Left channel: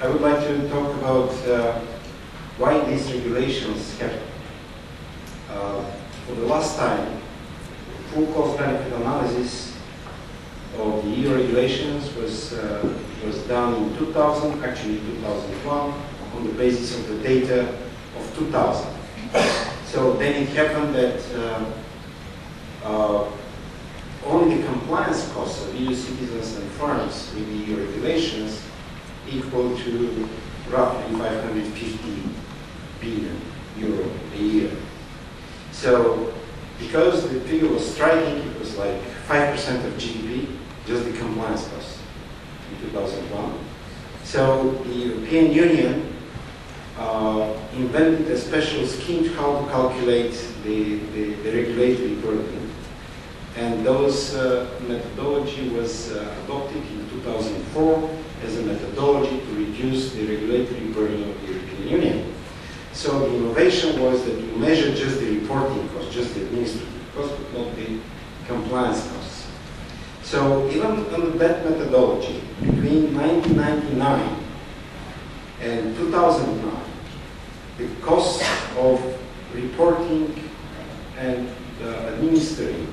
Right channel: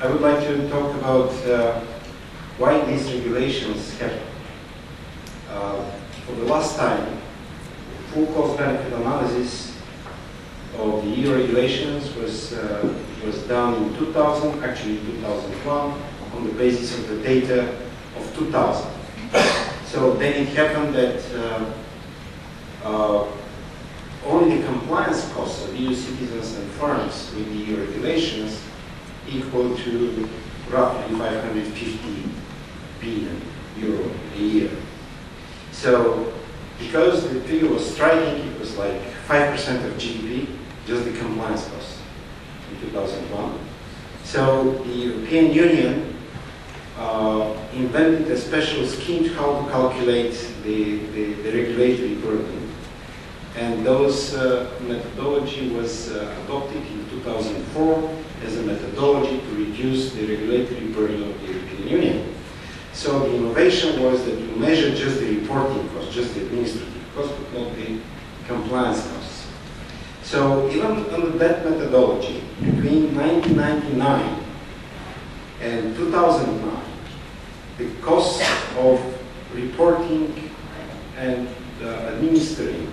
I would like to talk about why these regulations happen. For the last time, full cost-benefit analysis of the EU regulations was done in 2000, actually 2001, on the basis of the data of 2000. So then it happened that only the compliance costs of EU citizens and firms with the EU regulations equal to roughly 550 billion euro a year. So because the figure was striking, it was like 5% of GDP, just the compliance costs in 2001. So the European Union invented a special scheme to how to calculate the regulatory burden. And those methodology was adopted in 2004 as a methodology to reduce the regulatory burden of the European Union. So the innovation was that you measure just the reporting cost, just the administrative cost, but not the compliance costs. So even under that methodology, between 1999 and 2009, the cost of reporting and administering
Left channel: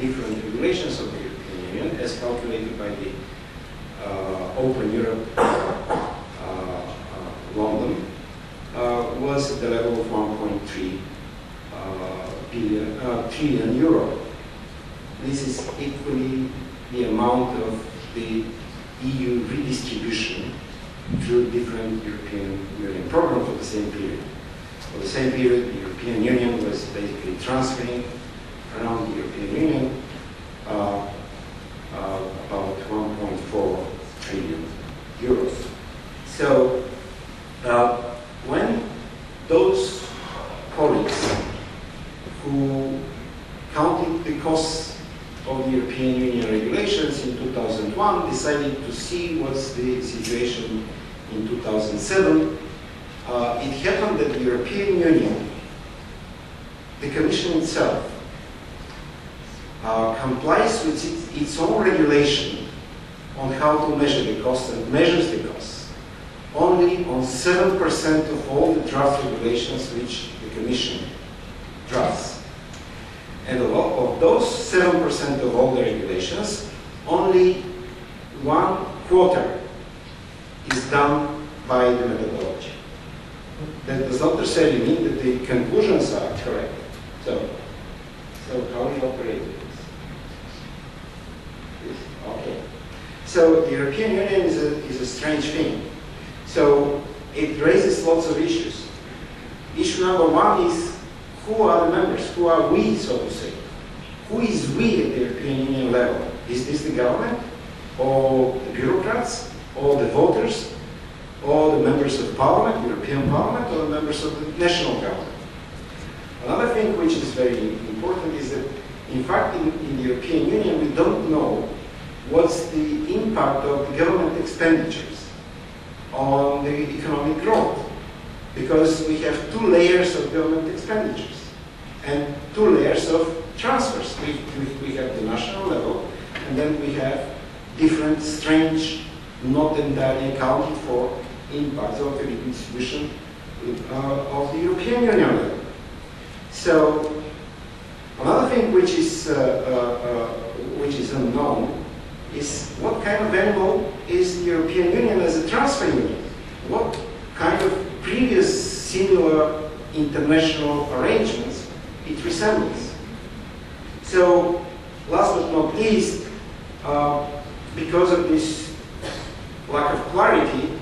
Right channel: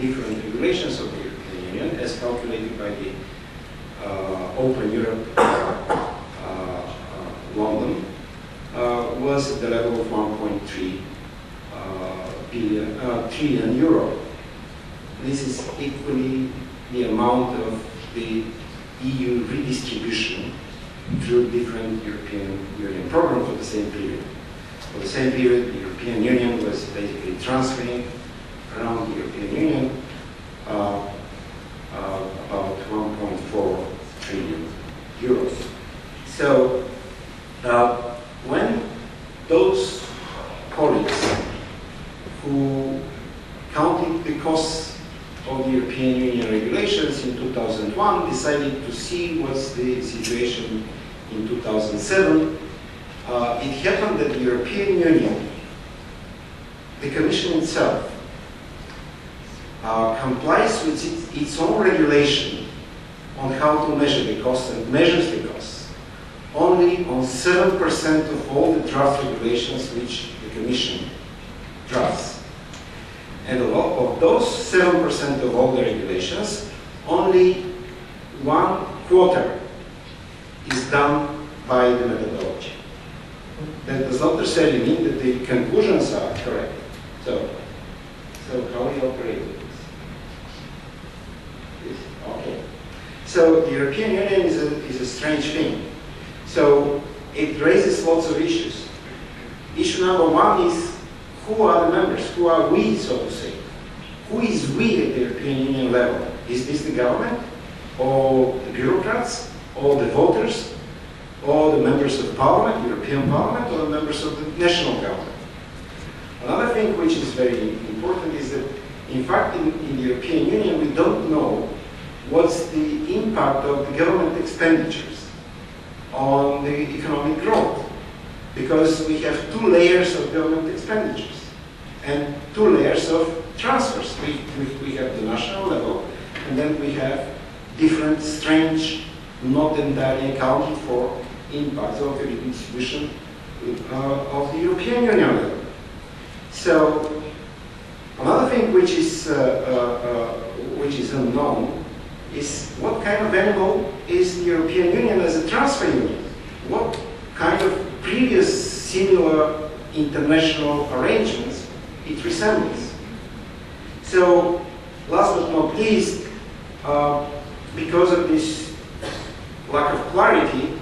different regulations of the European Union, as calculated by the Open Europe London, was at the level of 1.3 trillion euro. This is equally the amount of the EU redistribution through different European Union programs for the same period. For the same period, the European Union was basically transferring around the European Union about 1.4 trillion euros. So when those colleagues who counted the costs of the European Union regulations in 2001 decided to see what's the situation in 2007, it happened that the European Union, the Commission itself, complies with its own regulation on how to measure the costs and measures the costs only on 7% of all the draft regulations which the Commission drafts. And of those 7% of all the regulations, only 1/4 is done by the methodology. That does not necessarily mean that the conclusions are correct. So how we operate with this? Okay. So the European Union is a strange thing. So it raises lots of issues. Issue number one is, who are the members? Who are we, so to say? Who is we at the European Union level? Is this the government, or the bureaucrats, or the voters, or the members of Parliament, European Parliament, or the members of the national government? Another thing which is very important is that, in fact, in the European Union, we don't know what's the impact of the government expenditures on the economic growth, because we have two layers of government expenditures and two layers of transfers. We have the national level, and then we have different strange, not entirely accounted for impacts of the redistribution of the European Union level. So another thing which is unknown is what kind of animal is the European Union as a transfer union? What kind of previous similar international arrangements it resembles? So last but not least, because of this lack of clarity,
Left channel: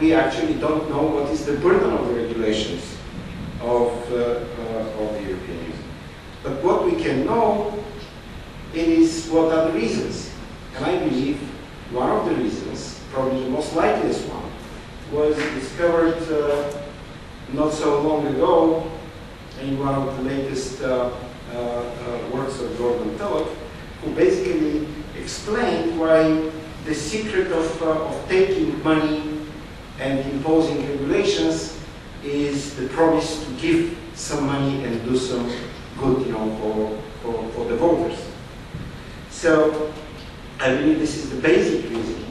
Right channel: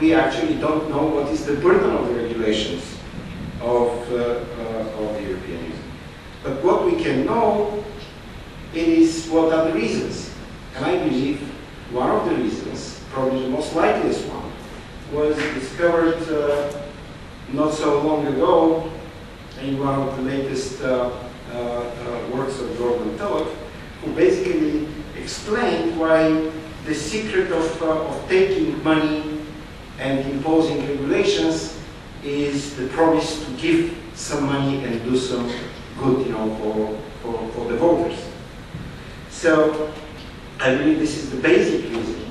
we actually don't know what is the burden of the regulations of the European Union. But what we can know is what are the reasons. And I believe one of the reasons, probably the most likeliest one, was discovered not so long ago in one of the latest works of Gordon Tullock, who basically explained why the secret of taking money and imposing regulations is the promise to give some money and do some good, for the voters. So I believe this is the basic reason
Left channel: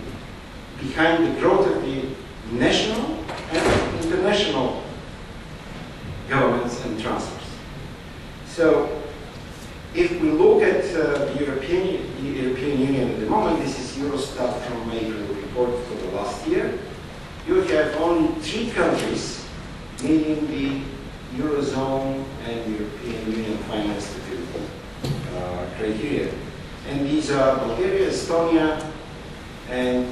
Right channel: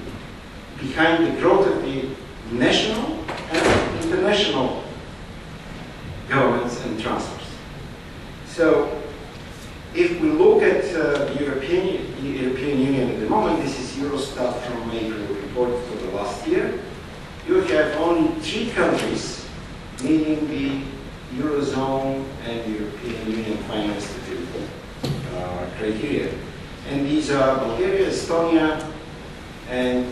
behind the growth of the national and international governments and transfers. So if we look at the European Union at the moment, this is Eurostat from April report for the last year, you have only 3 countries meeting the Eurozone and European Union finance stability criteria. And these are Bulgaria, Estonia, and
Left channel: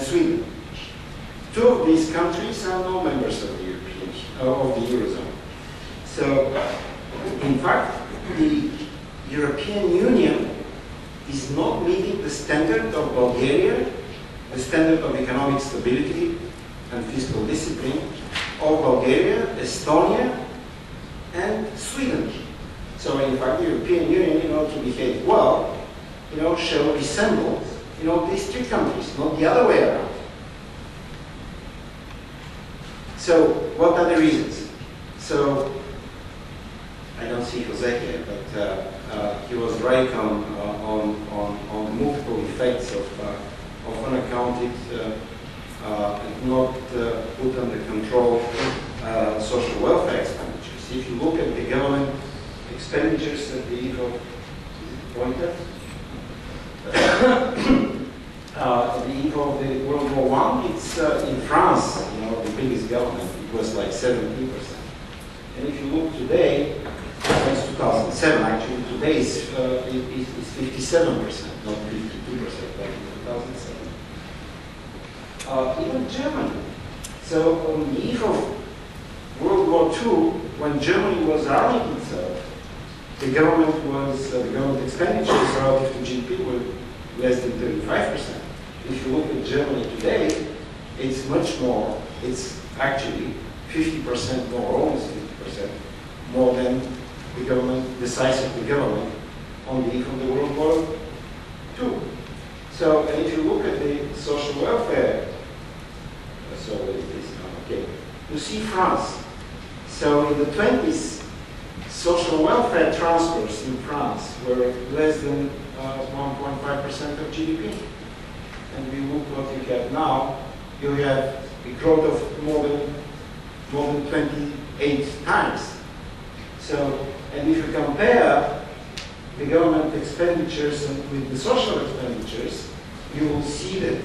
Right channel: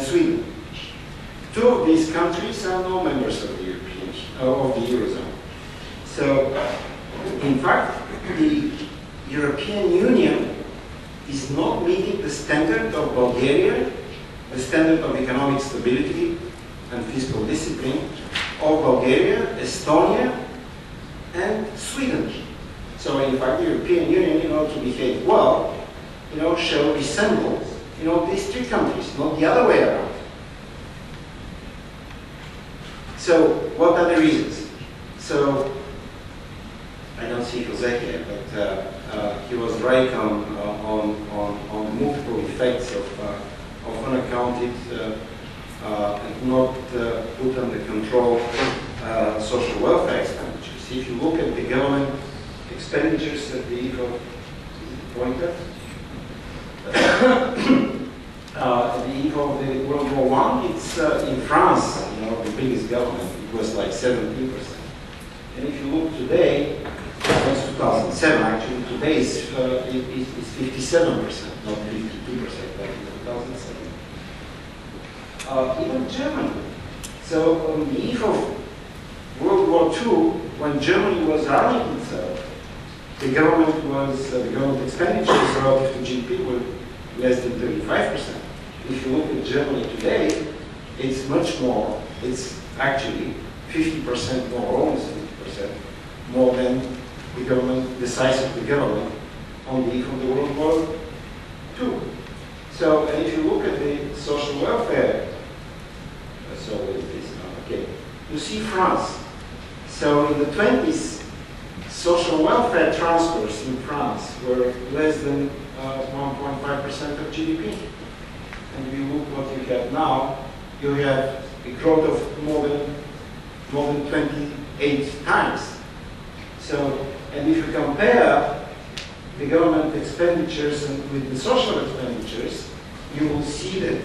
Sweden. 2 of these countries are no members of the Eurozone. So, in fact, the European Union is not meeting the standard of Bulgaria, the standard of economic stability and fiscal discipline of Bulgaria, Estonia, and Sweden. So, in fact, the European Union, to behave well, shall resemble, these 3 countries, not the other way around. So, what are the reasons? So, I don't see Jose here, but he was right on multiple effects of unaccounted and not put under control social welfare expenditures. If you look at the government expenditures at the eve of pointer, at the eve of the World War I, it's in France, the biggest government, it was like 17%. And if you look today, that's 2007 actually, today is 57%, not 52% like in 2007. Even Germany. So on the eve of World War II, when Germany was arming itself, the government expenditures relative to GDP were less than 35%. If you look at Germany today, it's much more. It's actually 50% more, almost 50% more than the size of the government on the eve of the World War II. So, and if you look at the social welfare, so what is this now? Okay, you see France. So in the 20s, social welfare transfers in France were less than 1.5% of GDP. And we look what you have now, you have a growth of more than 28 times. So, and if you compare the government expenditures with the social expenditures, you will see that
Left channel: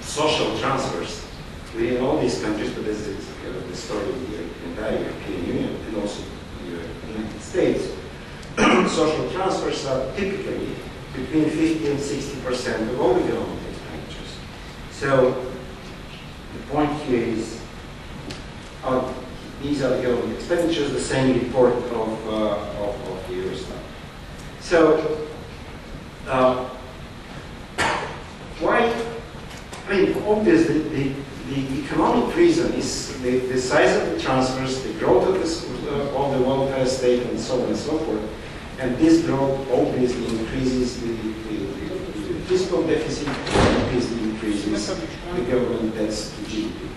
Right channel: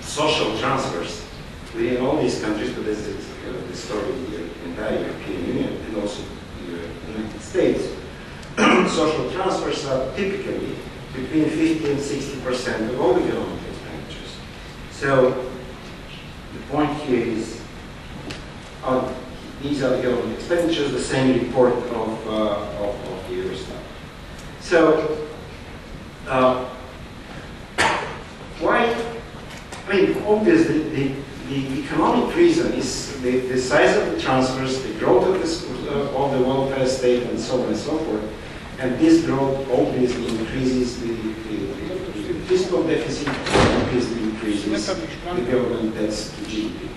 social transfers within all these countries, but this is the story of the entire European Union and also the United States, social transfers are typically between 50 and 60% of all the government expenditures. So the point here is, these are the government expenditures, the same report of the Eurostat. So why? I mean, obviously the economic reason is the size of the transfers, the growth of the welfare state, and so on and so forth. And this growth obviously increases the fiscal deficit, obviously increases the government debts to GDP.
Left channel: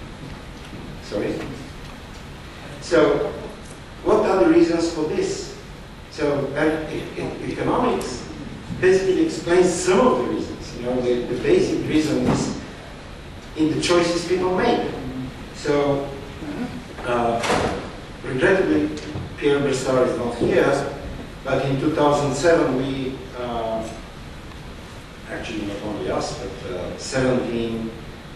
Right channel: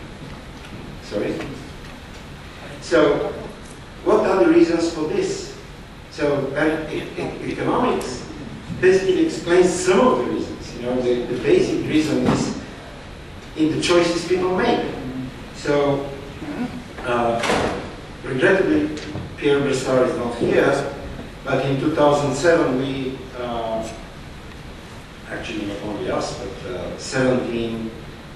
Sorry? So, what are the reasons for this? So, economics basically explains some of the reasons. The basic reason is in the choices people make. So, regrettably, Pierre Bressard is not here, but in 2007 we, actually not only us, but 17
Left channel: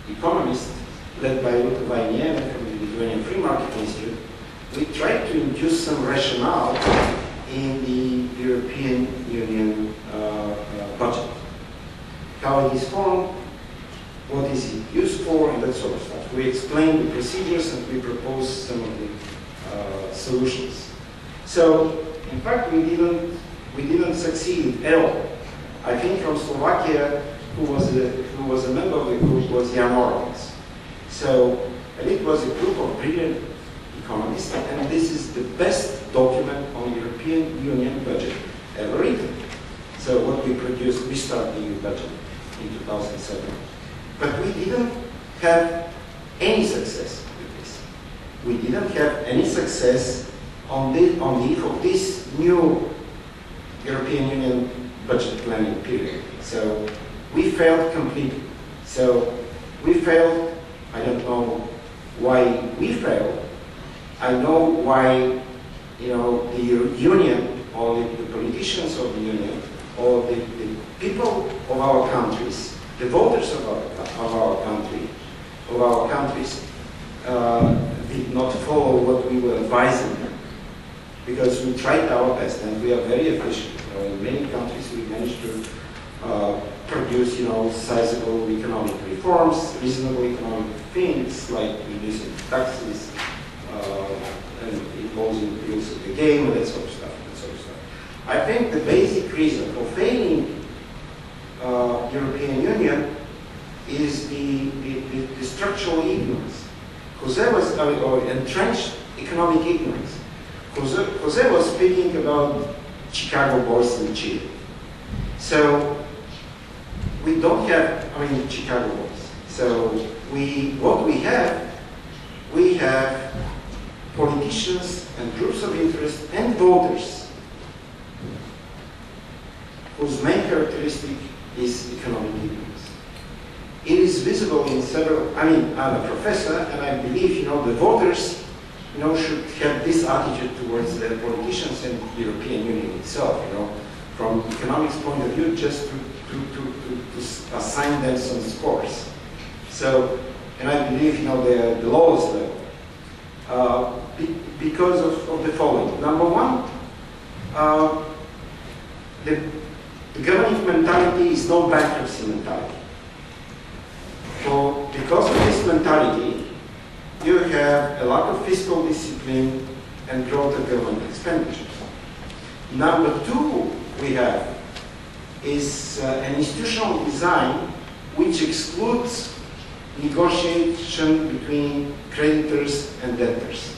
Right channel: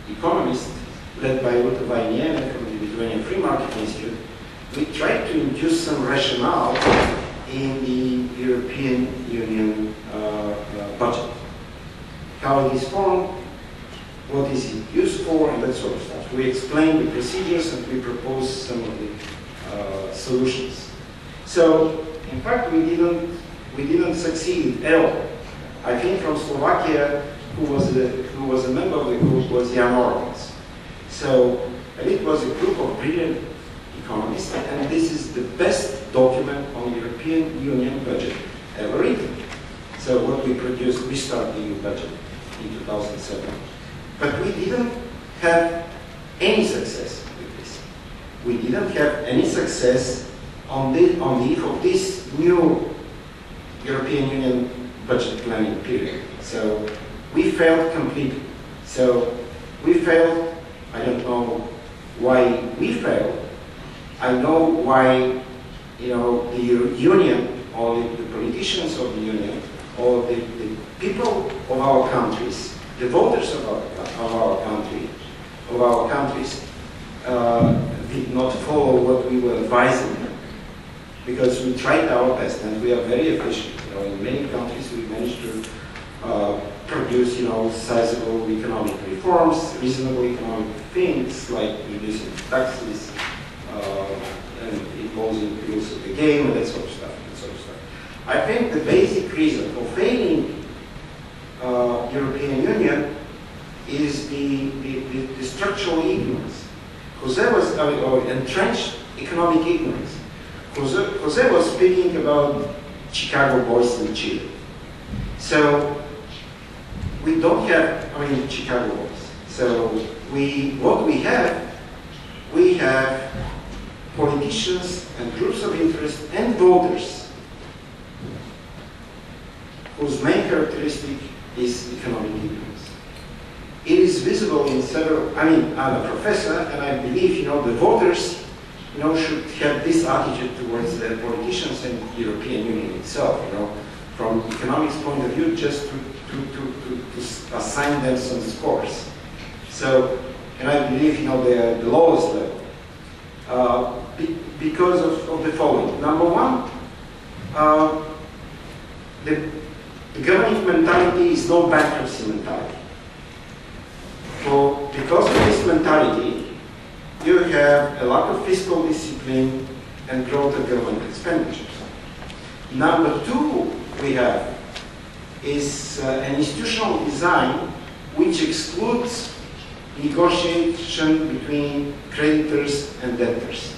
economists led by Ruta Vainiene from the Lithuanian Free Market Institute, we tried to induce some rationale in the European Union budget. How it is formed, what is it used for, and that sort of stuff. We explained the procedures and we proposed some of the solutions. So, in fact, we didn't succeed at all. I think from Slovakia, who was a member of the group was Jan Orlans. So, and it was a group of brilliant economists, and this is the best document on European Union budget ever written. So what we produced, we started the EU budget in 2007. But we didn't have any success with this. We didn't have any success on the eve of this new European Union budget planning period. So we failed completely. So We failed. I don't know why we failed. I know why, the union, or the politicians of the union, or the people of our countries, the voters of our countries, did not follow what we were advising them, because we tried our best and we are very efficient. In many countries we managed to produce, sizable economic reforms, reasonable economic things like reducing taxes, and imposing the rules of the game, and that sort of stuff. I think the basic reason for failing European Union is the structural ignorance. Jose was, or entrenched economic ignorance. Jose was speaking about Chicago boys in Chile. So we don't have, Chicago boys. So what we have politicians and groups of interest and voters whose main characteristic is economic ignorance. It is visible in several, I'm a professor, and I believe, the voters, should have this attitude towards the politicians and the European Union itself, from economics point of view, just to assign them some scores. So, and I believe, they are the lowest level, because of the following. Number one, the governing mentality is no bankruptcy mentality. Because of this mentality, you have a lack of fiscal discipline and growth of government expenditures. Number two we have is an institutional design which excludes negotiation between creditors and debtors.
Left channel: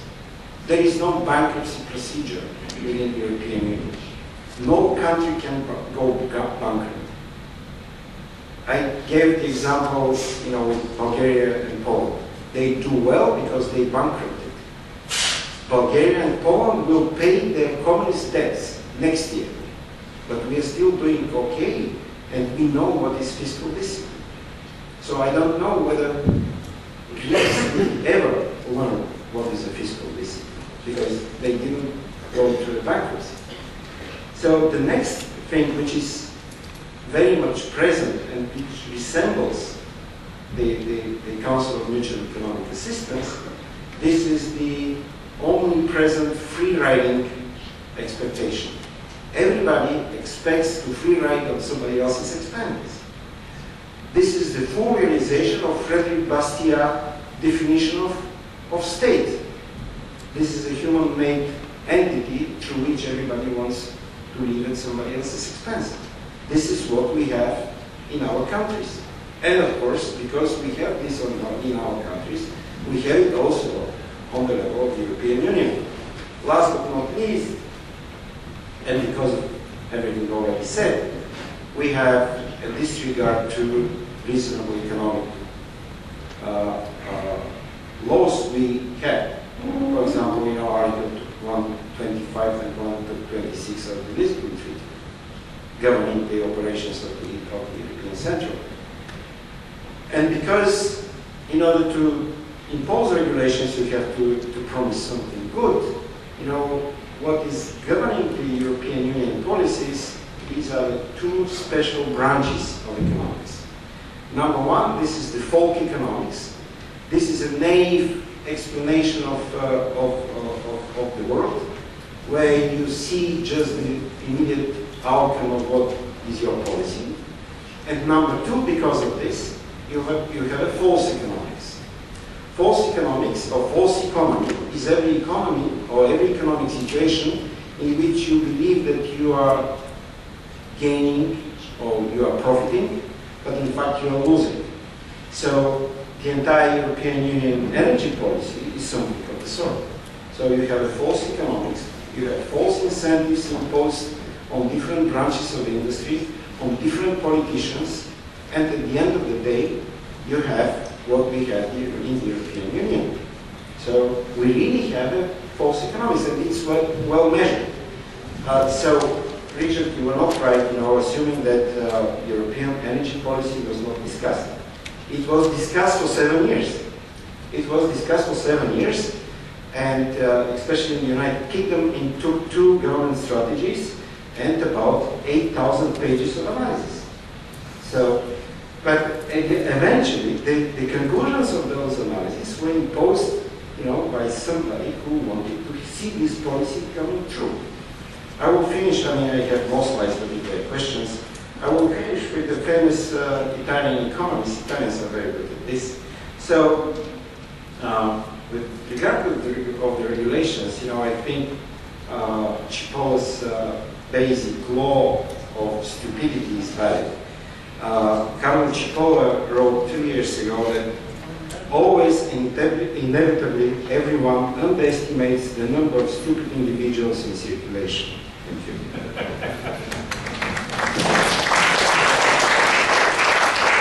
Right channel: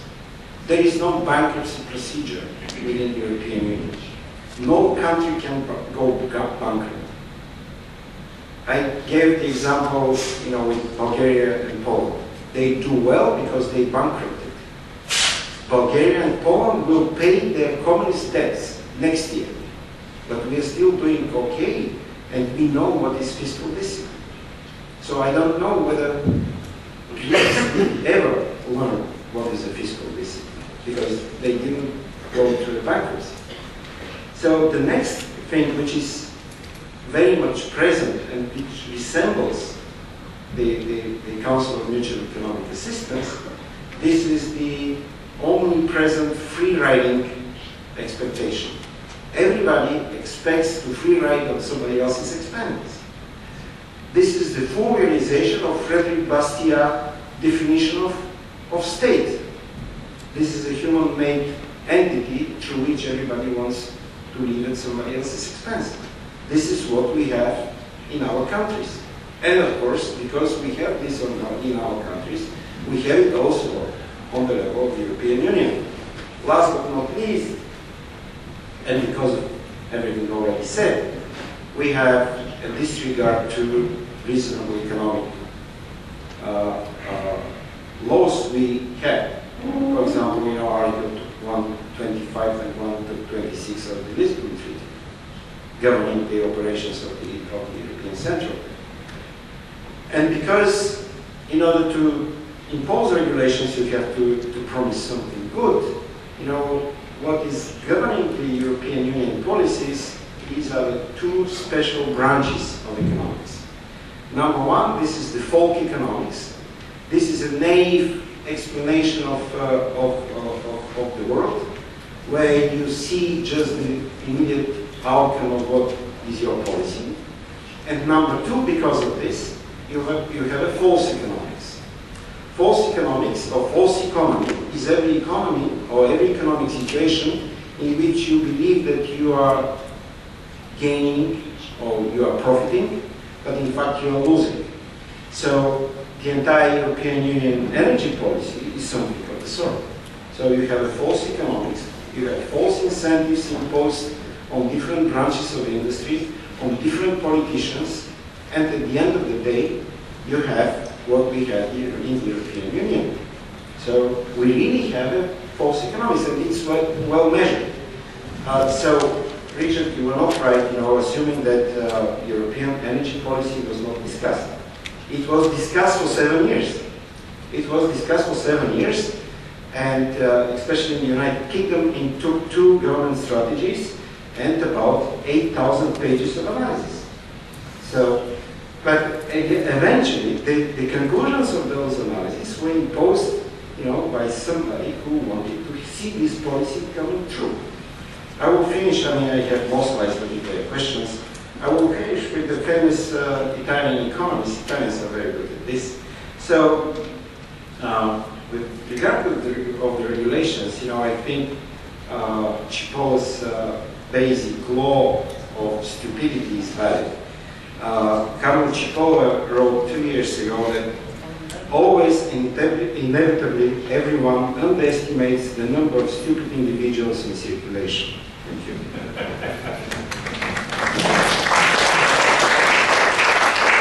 There is no bankruptcy procedure within the European Union. No country can go bankrupt. I gave the example, with Bulgaria and Poland. They do well because they bankrupted. Bulgaria and Poland will pay their communist debts next year. But we are still doing okay, and we know what is fiscal discipline. So I don't know whether Greece will ever learn what is a fiscal discipline, because they didn't go through the bankruptcy. So the next thing, which is very much present and which resembles the Council of Mutual Economic Assistance, this is the omnipresent free-riding expectation. Everybody expects to free-ride on somebody else's expense. This is the full realization of Frederick Bastiat's definition of state. This is a human-made entity through which everybody wants to live at somebody else's expense. This is what we have in our countries. And of course, because we have this in our countries, we have it also on the level of the European Union. Last but not least, and because of everything already said, we have a disregard to reasonable economic laws we have. For example, Article 125 and 126 of the Lisbon Treaty, governing the operations of the European Central. And because in order to impose regulations, you have to promise something good, what is governing the European Union policies, these are the two special branches of economics. Number one, this is the folk economics. This is a naive explanation of the world, where you see just the immediate outcome of what is your policy. And number two, because of this, you have a false economics. False economics or false economy is every economy or every economic situation in which you believe that you are gaining or you are profiting, but in fact you are losing. So the entire European Union energy policy is something of the sort. So you have a false economics, you have false incentives imposed on different branches of the industry, on different politicians, and at the end of the day, you have what we have here in the European Union. So we really have a false economics, and it's well measured. So, Richard, you were not right, assuming that European energy policy was not discussed. It was discussed for 7 years. It was discussed for 7 years, and especially in the United Kingdom, it took 2 government strategies and about 8,000 pages of analysis. So, but eventually, the conclusions of those analyses were imposed, by somebody who wanted to see this policy coming true. I will finish, I have more slides, but if there are questions, I will finish with the famous Italian economist. Italians are very good at this. So, with regard to the regulations, I think Cipollo's basic law of stupidity is valid. Carlo Cipollo wrote 2 years ago that always, inevitably, everyone underestimates the number of stupid individuals in circulation. Thank you.